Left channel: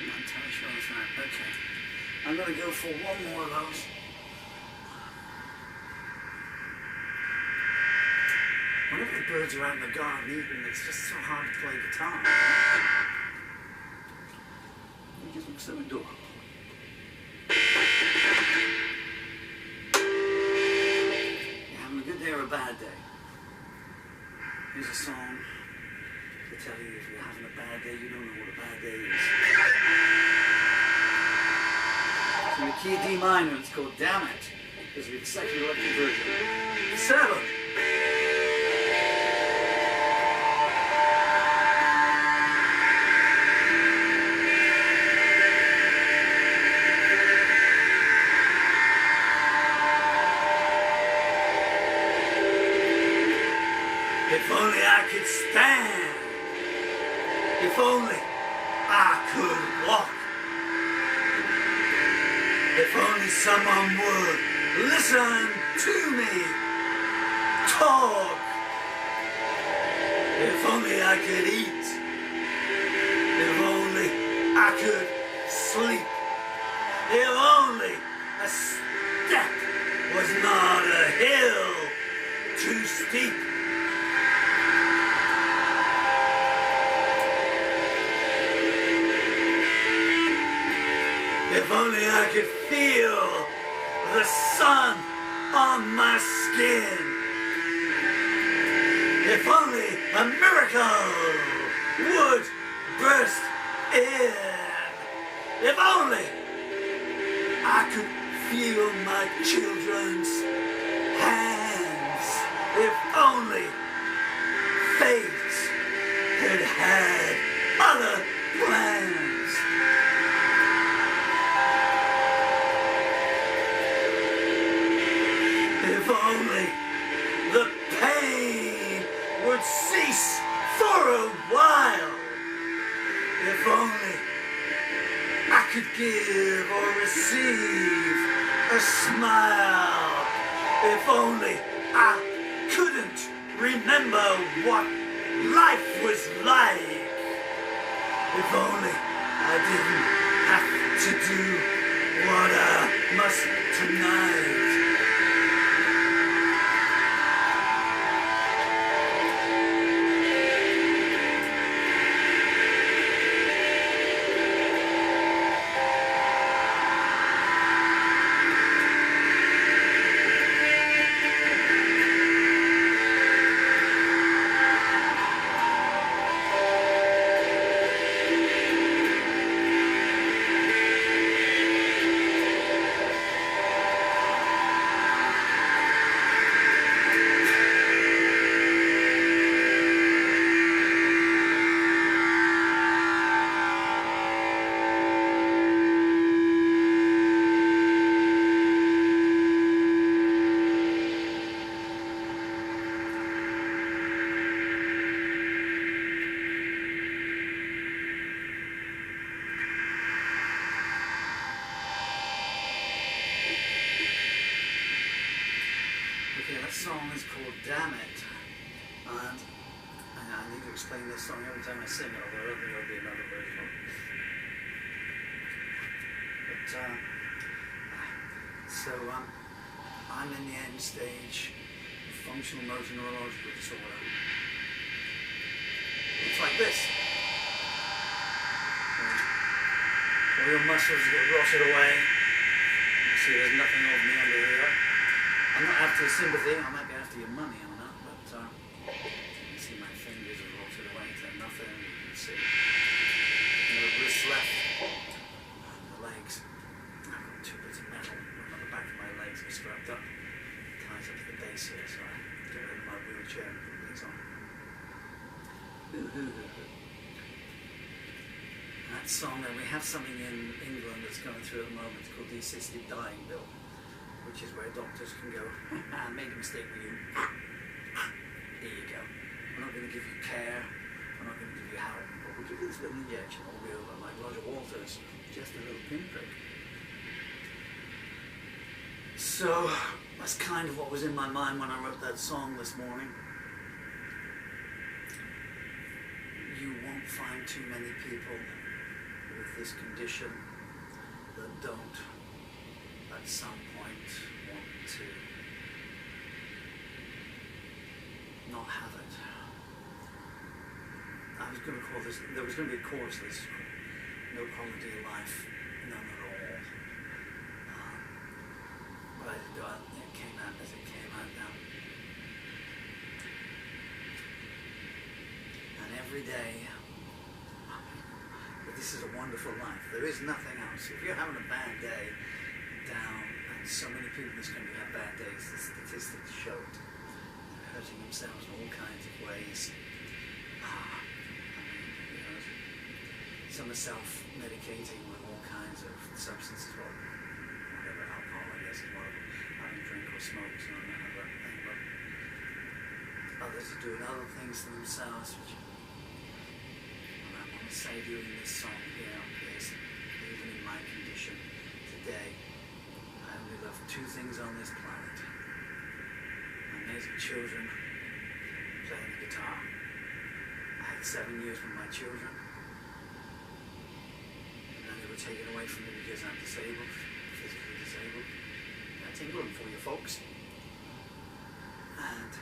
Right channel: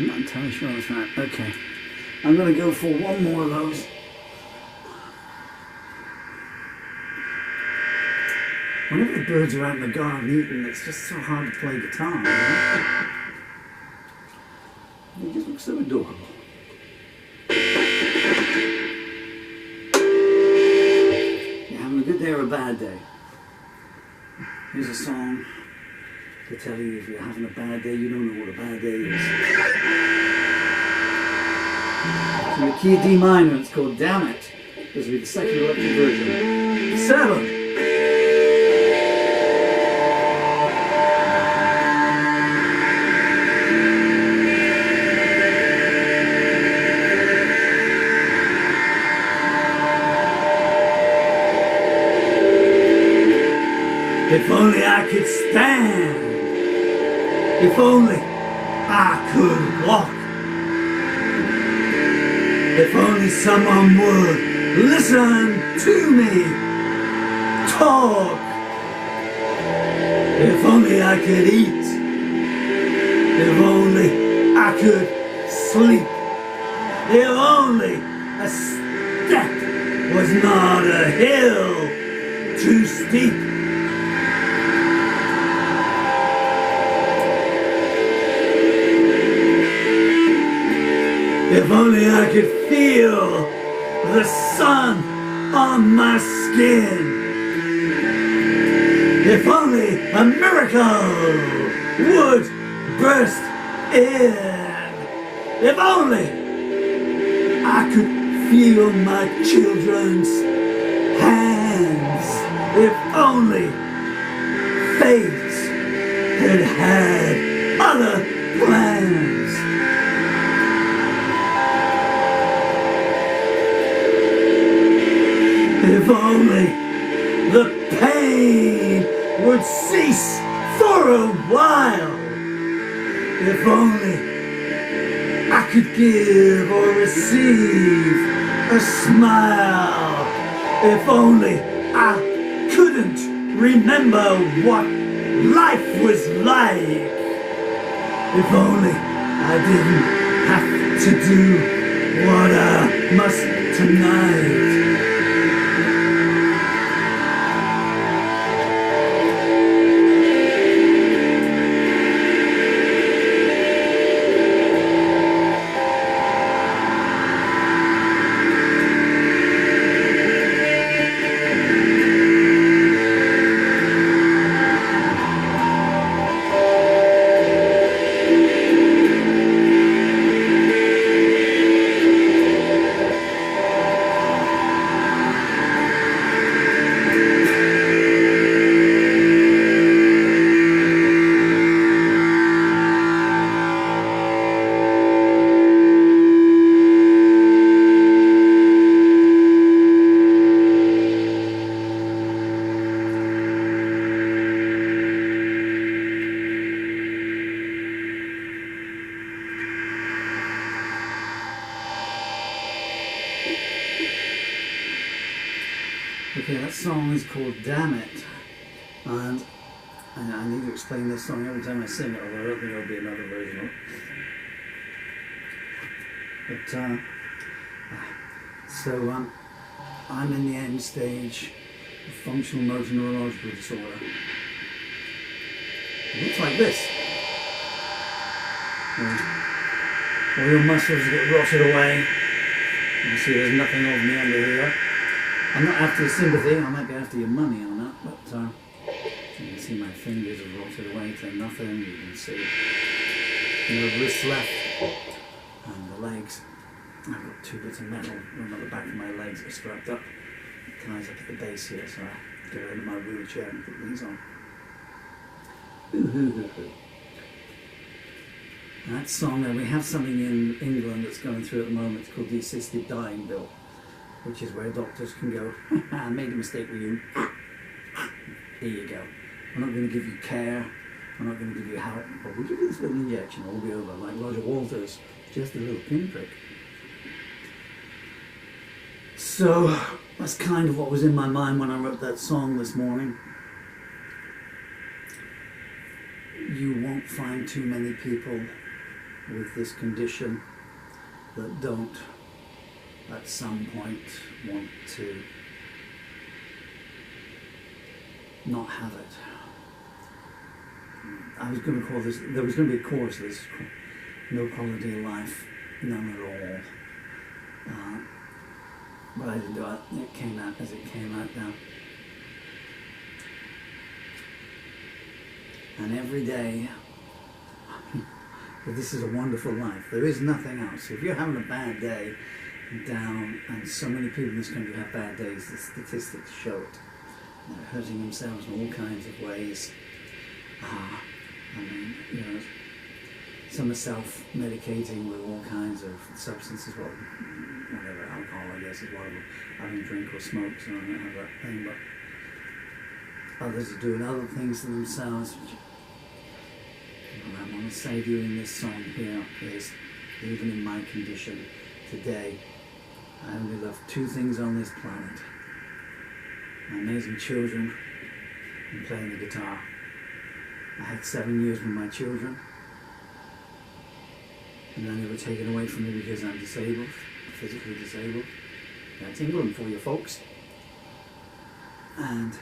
I'm not entirely sure that's right. Okay. I'm going to go for one more of those. Whenever the birds are out in the garden eating, it's just so hard to play guitar, you know? They just look so adorable. You're having a good day or a bad day? Here's a song to tell you if you're having a bad day, you don't know what a bad day is. It's in the key of D minor, it's called Damn It. This will be the second electric version. 7. If only I could stand, if only I could walk, if only someone would listen to me talk, if only I could eat, if only I could sleep, if only a step was not a hill too steep. If only I could feel the sun on my skin. If only a miracle would burst in. If only I could feel my children's hands. If only fate had had other plans. If only the pain would cease for a while. If only I could give or receive a smile. If only I couldn't remember what life was like. If only I didn't have to do what I must tonight. Okay, that song is called Damn It, and I need to explain this song every time I sing it, although I don't think there'll be another version of it. But, I'm in the end stage of functional motor neurological disorder. It looks like this. All your muscles get rotted away. You see there's nothing of me under here. I'm not after your sympathy, I might be after your money on that, but you can see my fingers have rotted away to nothing. You can see no wrists left, and the legs. I've got 2 bits of metal running at the back of my legs that are strapped up. It ties up at the base here, so I get out of my wheelchair and put these on. And that song, we have something in England that's going through at the moment. It's called the Assisted Dying Bill, which is where doctors can go, I made a mistake with you. Here you go. We're not going to give you care, we're not going to give you help, but we'll give you this little injection, it'll be over, like Roger Walters, just a little pinprick. So, that's kind of what was in my mind when I wrote that song this morning. You won't find too many people with this condition that don't at some point want to not have it. I was going to call this, there was going to be a course, this no quality of life, none at all. But I didn't do it. It came out as it came out now. And every day, this is a wonderful life. There is nothing else. If you're having a bad day, down, and so many people in this country have bad days, the statistics show it. They're hurting themselves in all kinds of ways. I mean, you know, some are self-medicating with all kinds of substances, well, whatever, alcohol I guess is one of them, having a drink or smoke, so I don't have that thing, but others are doing other things to themselves. What I want to say during this song here is, even in my condition today, I only love two things on this planet: my amazing children and playing the guitar. I had 7 years with my children, and then they were taken away from me because I'm disabled, physically disabled. That's England for you folks. And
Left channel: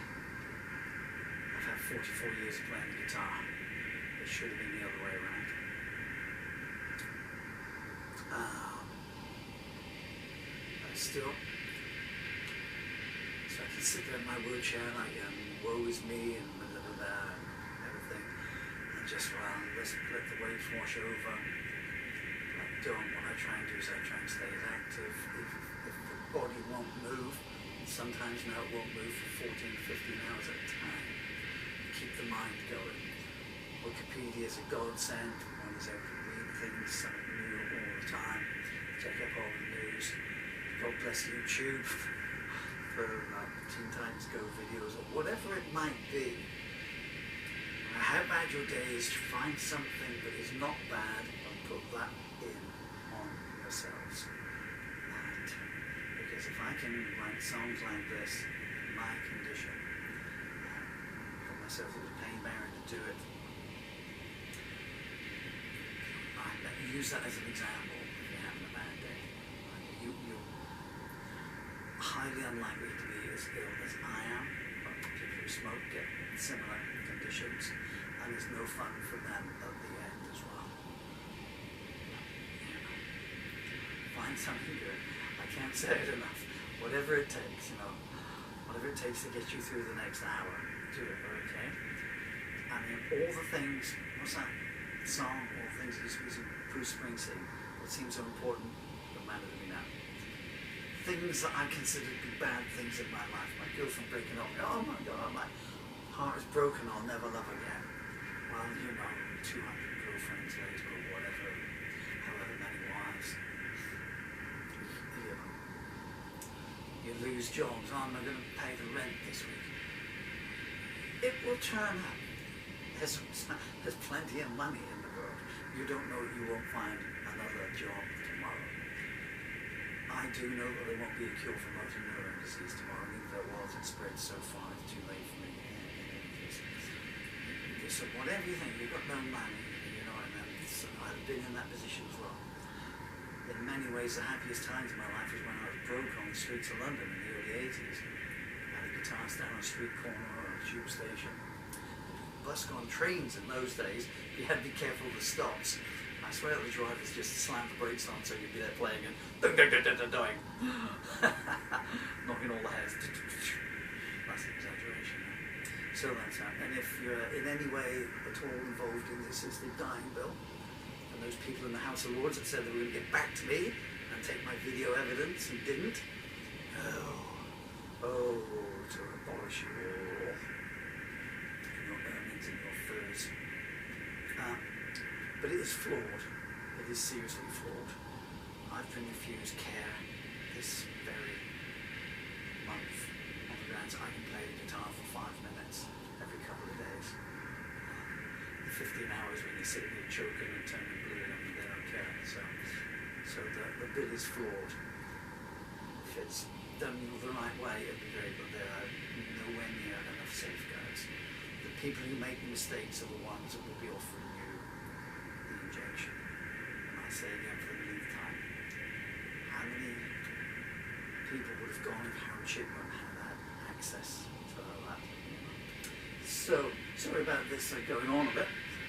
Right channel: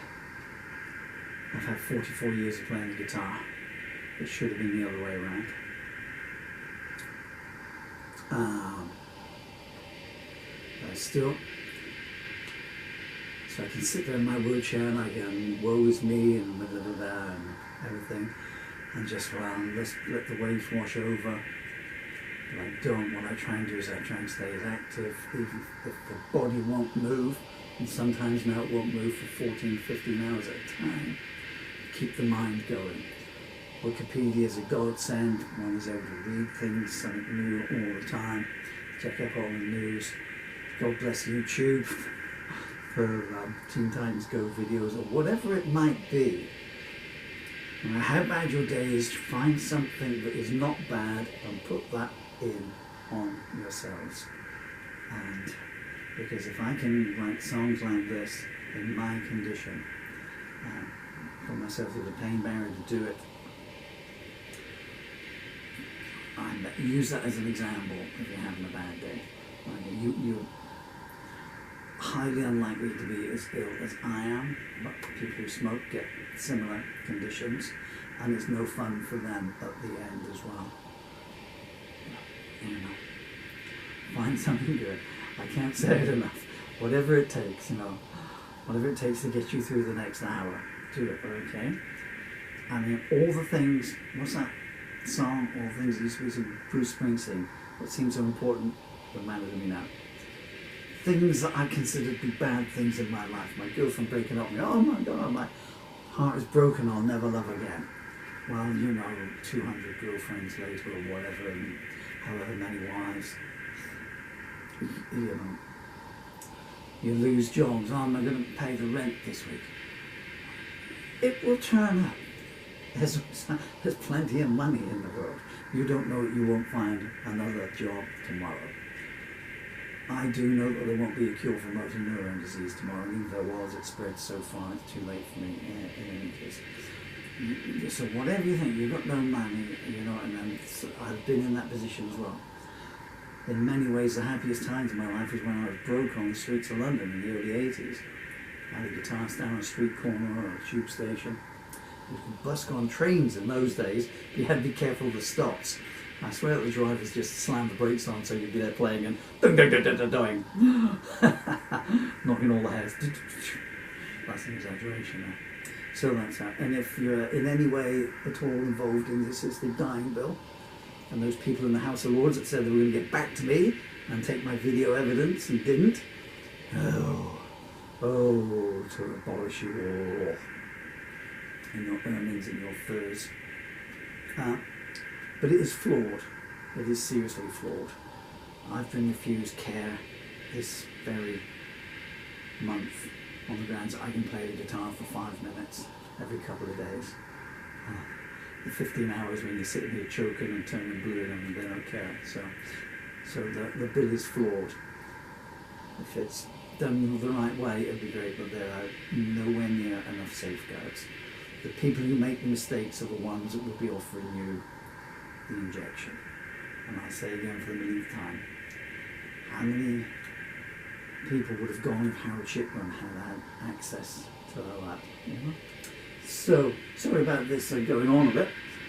I've had 44 years of playing the guitar. It should have been the other way around. But still, so I can sit there in my wheelchair and I can woe is me and blah, blah, blah, and everything, and just, well, let the waves wash over. But I don't. What I try and do is I try and stay as active, even if the body won't move, and sometimes now it won't move for 14, 15 hours at a time. Keep the mind going. Wikipedia is a godsend. One is able to read things, something new all the time. Check up all the news. God bless YouTube for Teen Titans Go videos or whatever it might be. No matter how bad your day is, find something that is not bad and put that in on yourselves. And because if I can write songs like this in my condition, put myself through the pain barrier to do it, and use that as an example if you're having a bad day. You're highly unlikely to be as ill as I am, but people who smoke get similar conditions, and it's no fun for them at the end as well. You know, find something good. I can't say it enough. Whatever it takes, you know, whatever it takes to get you through the next hour, do it, okay? I mean, all the things, what's that song, all the things that used to be some Bruce Springsteen, what seems so important, don't matter to me now. Things that I considered to be bad things in my life. My girlfriend breaking up with me, oh my God, my heart is broken, I'll never love again. Well, you know, 200 girlfriends later or whatever, and however many wives. You know, you lose jobs. Oh, am I going to pay the rent this week? It will turn up. There's plenty of money in the world. You don't know that you won't find another job tomorrow. I do know that there won't be a cure for motor neuron disease tomorrow, and even if there was, it spread so far it's too late for me in any case. So whatever you think, you've got no money, you know, and I've been in that position as well. In many ways, the happiest times in my life was when I was broke on the streets of London in the early 80s. I had a guitar stand on a street corner or a tube station. You could busk on trains in those days, but you had to be careful of the stops. I swear that the drivers just slammed the brakes on so you'd be there playing and doing, knocking all the heads. That's an exaggeration there. So that's that. And if you're in any way at all involved in the assisted dying bill, and those people in the House of Lords that said they were going to get back to me and take my video evidence and didn't, to abolish you all and your earnings and your furs. But it is flawed. It is seriously flawed. I've been refused care this very month on the grounds that I can play the guitar for 5 minutes every couple of days. The 15 hours when you're sitting here choking and turning blue and they don't care. So the bill is flawed. If it's done the right way, it'd be great, but there are nowhere near enough safeguards. The people who make the mistakes are the ones that will be offering you the injection. And I say again for the millionth time, how many people would have gone if Harold Shipman had access to all that? You know? So, sorry about this going on a bit.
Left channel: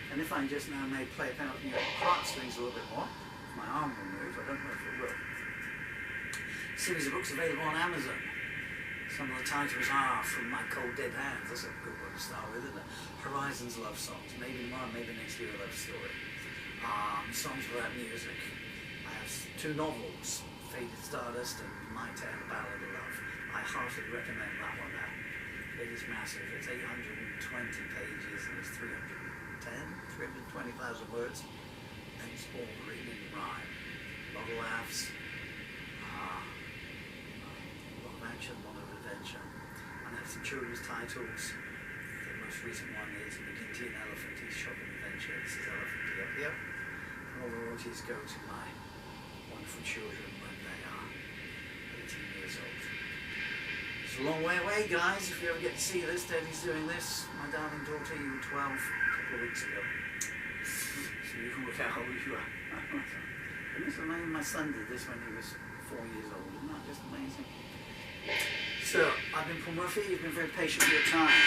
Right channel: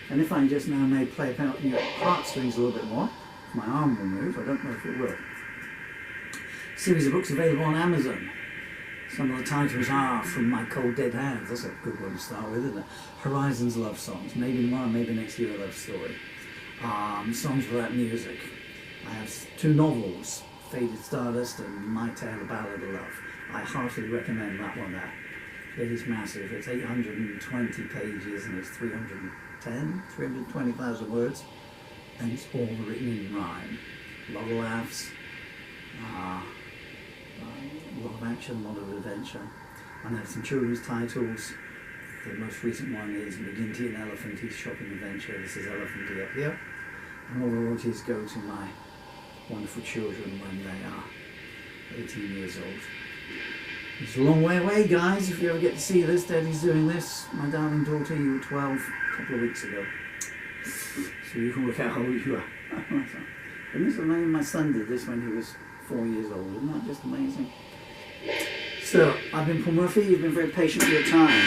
And if I just now may play about your heartstrings a little bit more, if my arm will move, I don't know if it will. Series of books available on Amazon. Some of the titles are From My Cold Dead Hands. That's a good one to start with, isn't it? Horizons Love Songs. Maybe tomorrow, maybe next year, a love story. Songs Without Music. I have 2 novels, Faded Stardust and My Tale, A Ballad of Love. I heartily recommend that one there. It is massive. It's 820 pages and it's 320,000 words. And it's all written in rhyme. A lot of laughs. A lot of action, a lot of adventure. And I have some children's titles. The most recent one is McGinty and Elephanty's Shopping Adventure. This is Elephanty up here. And all the royalties go to my wonderful children when they are 18 years old. It's a long way away, guys. If you ever get to see this, Daddy's doing this. My darling daughter, you were 12 a couple of weeks ago. So you can work out how old you are. And this is amazing. My son did this when he was 4 years old. Isn't that just amazing? So, I've been Paul Murphy. You've been very patient with your time.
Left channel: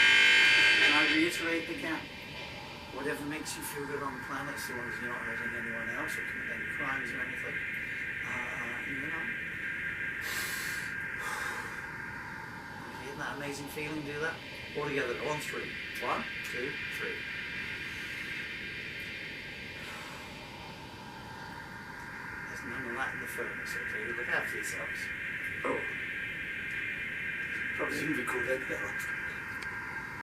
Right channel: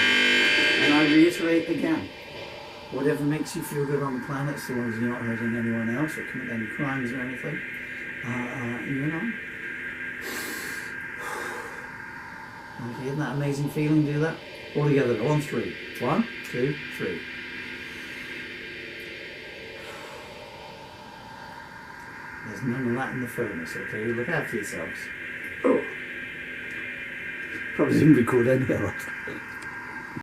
And I reiterate again, whatever makes you feel good on the planet, so long as you're not hurting anyone else or commit any crimes or anything, you know. Okay, isn't that amazing feeling? Do that all together. On 3. 1, 2, 3. There's none of that in the furnace, okay? Look after yourselves. Oh. Probably didn't record any of that.